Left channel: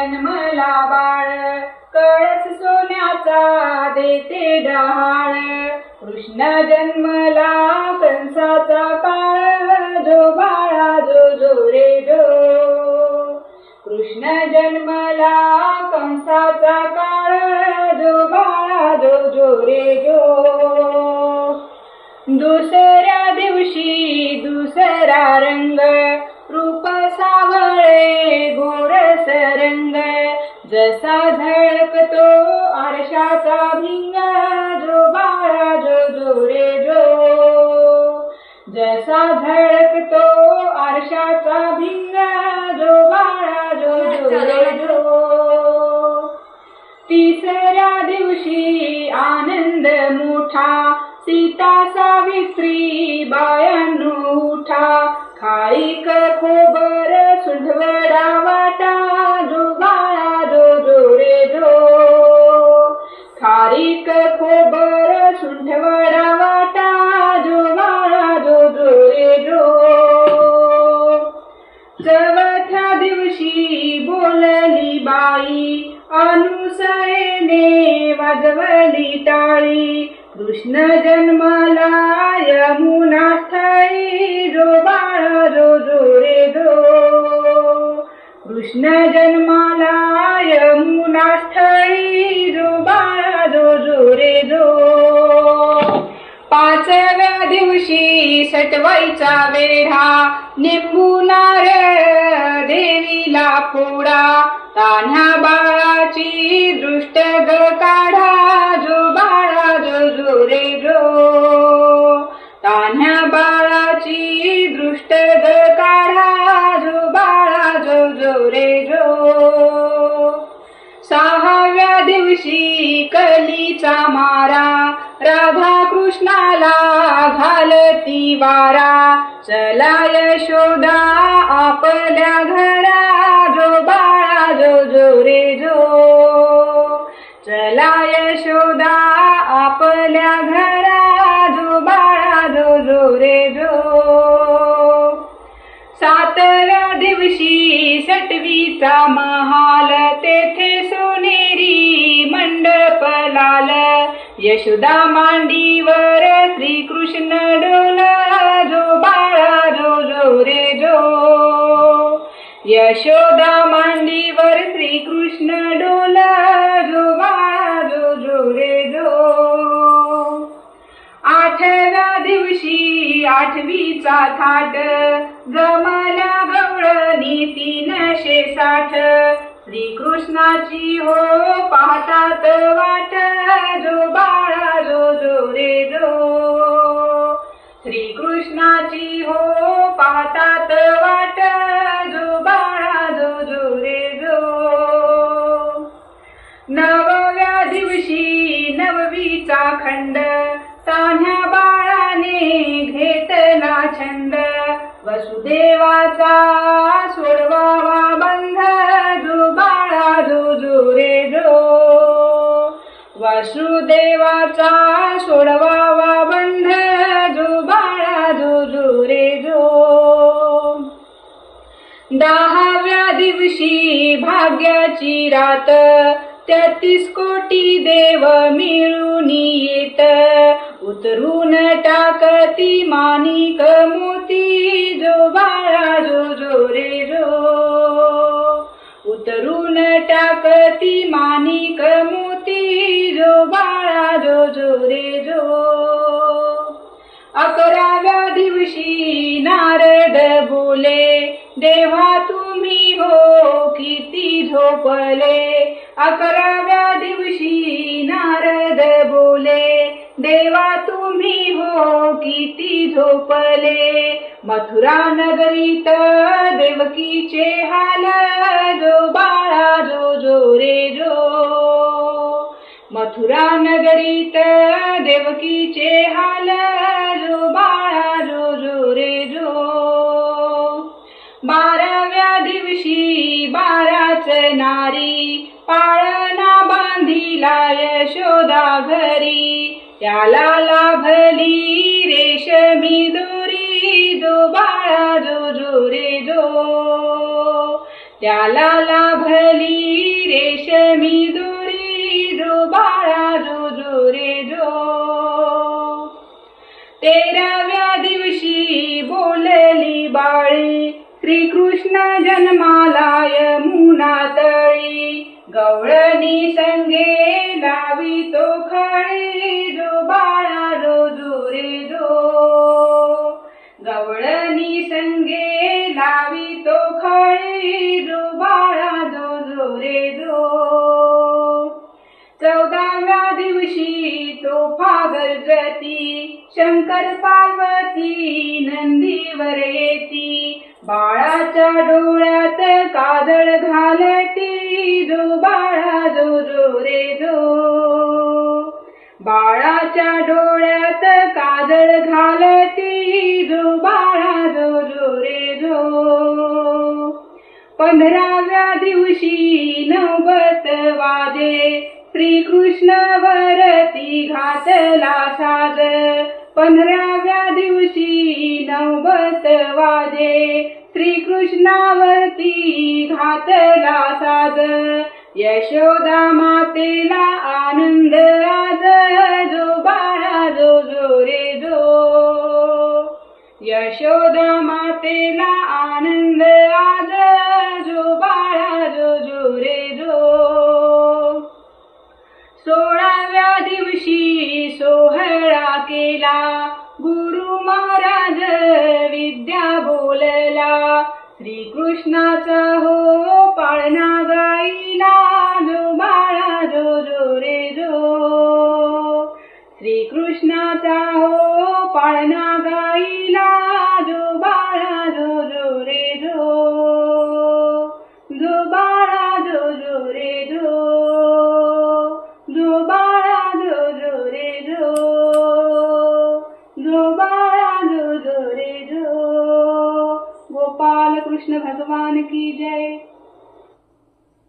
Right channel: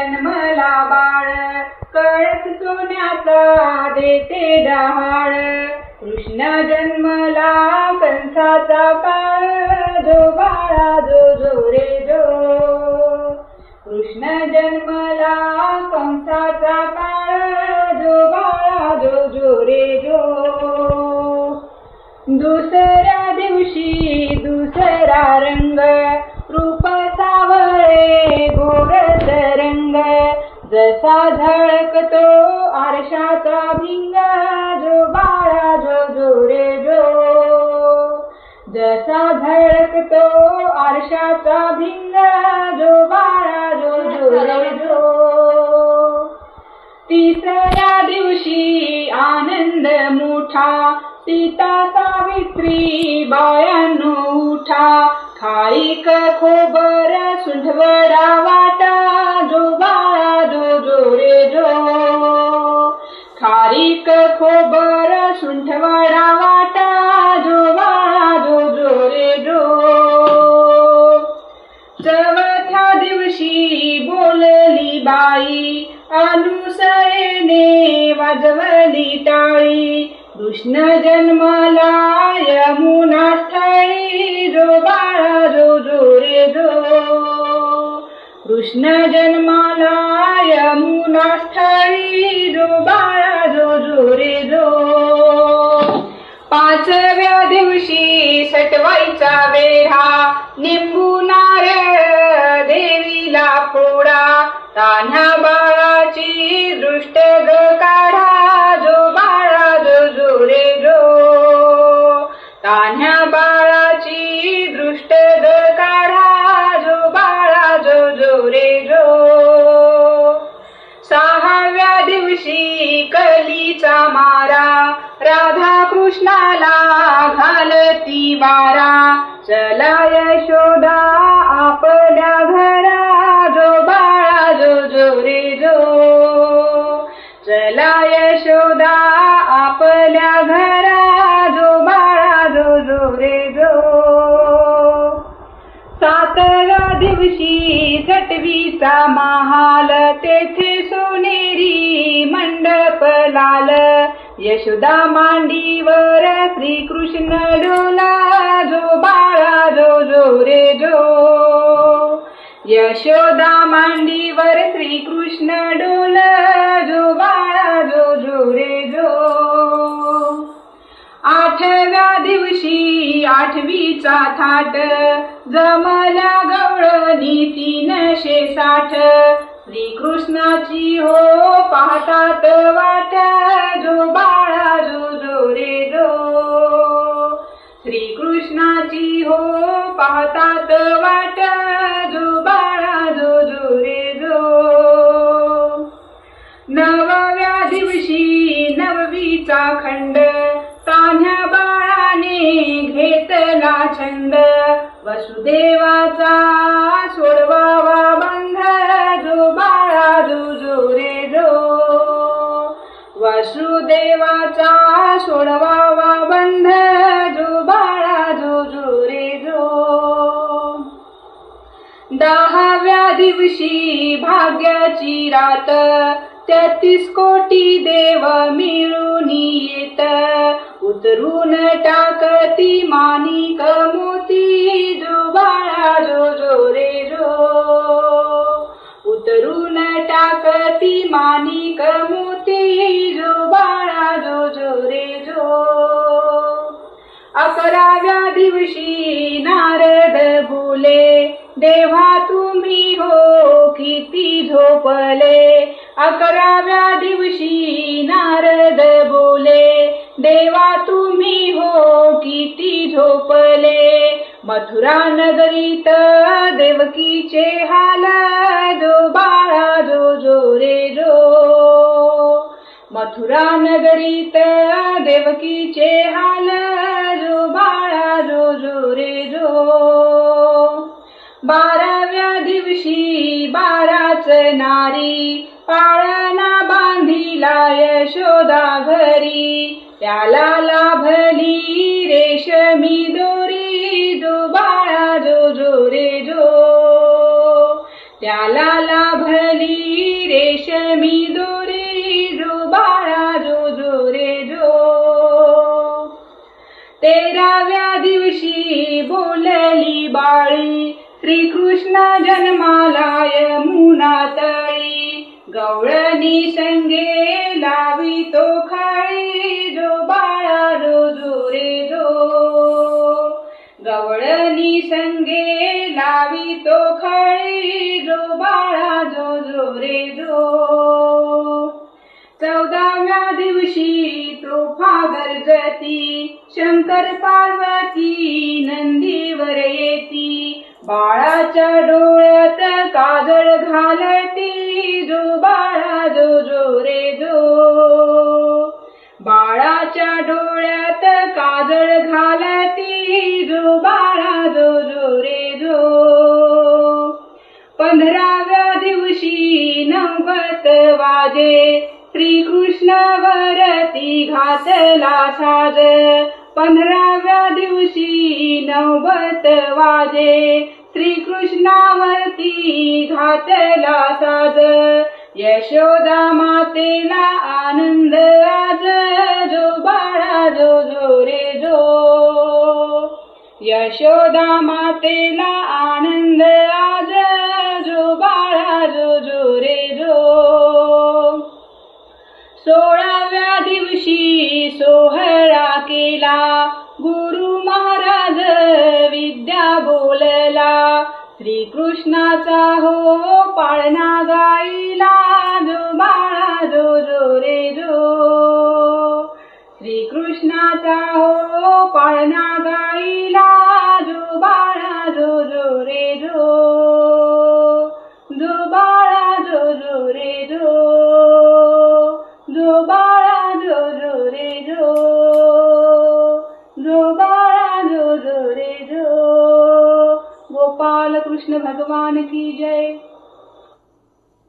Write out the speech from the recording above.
जन्मला बाळ, कळस सोन्याचा देते डहाळ. कृष्ण जन्मला कंसाचा काळ, जो बाळा जो जो रे जो. कृष्ण जन्मला कंसाचा काळ, जो बाळा जो जो रे जो. दुसऱ्या दिवशी दुसरा रंग, रूप सावळे गोरस रंग. जसा झळकतो आरशाचा भिंग, जो बाळा जो जो रे जो. जसा झळकतो आरशाचा भिंग, जो बाळा जो जो रे जो. तिसऱ्या दिवशी आनंद मोठा, सीता सावित्री बायांनो उठा. खाईक खोबर सुंठवडा वाटा, जो बाळा जो जो रे जो. खारीक खोबर सुंठवडा वाटा, जो बाळा जो जो रे जो. चौथ्या दिवशी बोलली बाई, अनुसरेने वाजवली टाळी. कृष्ण जन्मला यमुना स्थळी, जो बाळा जो जो रे जो. कृष्ण जन्माला यमुना स्थळी, जो बाळा जो जो रे जो. पाचव्या दिवशी सटवाईचा वेढा, निंबू नारळ देवीला फोडा. तान्ह्या बाळाची दृष्ट ग काढा, जो बाळा जो जो रे जो. तान्ह्या बाळाची दृष्ट ग काढा, जो बाळा जो जो रे जो. सहाव्या दिवशी कलीचा मारा, राधा कृष्णाला घालती वारा. चला यशोदा आपल्या घरा, जो बाळा जो जो रे जो. चला यशोदा आपल्या घरा, जो बाळा जो जो रे जो. सातव्या दिवशी सटवीचा महाल, तेथे सोनेरी मंडप लाल. यशोदा मांडीवर श्रीकृष्ण डोला, जो बाळा जो जो रे जो. यशोदा मांडीवर श्रीकृष्ण डोला, जो बाळा जो जो रे जो. आठव्या दिवशी आठवीचा थाट, जमल्या गवळणी 360. श्रीकृष्णाची हो पाहतात वाट, जो बाळा जो जो रे जो. श्रीकृष्णाची हो पाहतात वाट, जो बाळा जो जो रे जो. नवव्या दिवशी नववीचा खंड, तान्ह्या बाळाने घेतला छंद. वसुदेवाचा सोडवावा बंध, जो बाळा जो जो रे जो. वसुदेवाचा सोडवावा बंध, जो बाळा जो जो रे जो. दहाव्या दिवशी भाग्याची रात, 33 कोटी देव मिळून येत. उतरून टाकती माणिक मोती, जो बाळा जो जो रे जो. उतरून टाकती माणिक मोती, जो बाळा जो जो रे जो. 11व्या दिवशी नारद बोले, देवा तुम्ही हो किती झोपले. 11व्या दिवशी नारद बोले, देवा तुम्ही हो किती झोपले. मथुरा नगरीत देवकीचे हाल, जो बाळा जो जो रे जो. मथुरा नगरीत देवकीचे हाल, जो बाळा जो जो रे जो. 12व्या दिवशी 12च नारी, पाळणा बांधिला यशोदा घरी. त्याला लाभली रेशमी दोरी, जो बाळा जो जो रे जो. त्याला लाभली रेशमी दोरी जो बाळा जो जो रे जो. 13व्या दिवशी बोलली बाळी श्रीकृष्ण जन्माला यमुना तळी. गवळणी संगे लावी तो खळी जो बाळा जो जो रे जो. गवळणी संगे लावी तो खळी जो बाळा जो जो रे जो. 14व्या दिवशी तोफा गर्जती शंकर पार्वती नंदीवर येती. बाळाच्या डोळ्यात काजळ घालती जो बाळा जो जो रे जो. बाळाच्या डोळ्यात काजळ घालती जो बाळा जो जो रे जो. 15व्या दिवशी 90 वाजे श्रीकृष्ण वरती घातला साज. 15व्या दिवशी 90 वाजे श्रीकृष्णावरती घातला साज. यशोदा मातेला आनंद आज जो बाळा जो जो रे जो. यशोदा मातेला आनंद आज जो बाळा जो जो रे जो. 16व्या दिवशी सोहळा केला गुरु महाराज विद्या बोलला. श्रीकृष्णाचा हो पाळणा गाईला जो बाळा जो जो रे जो. श्रीकृष्णाचा हो पाळणा गाईला जो बाळा जो जो रे जो. जो बाळा जो जो रे जो. जो बाळा जो जो रे जो. जो बाळा जो जो रे जो. गोपाल कृष्ण भगवान की जय.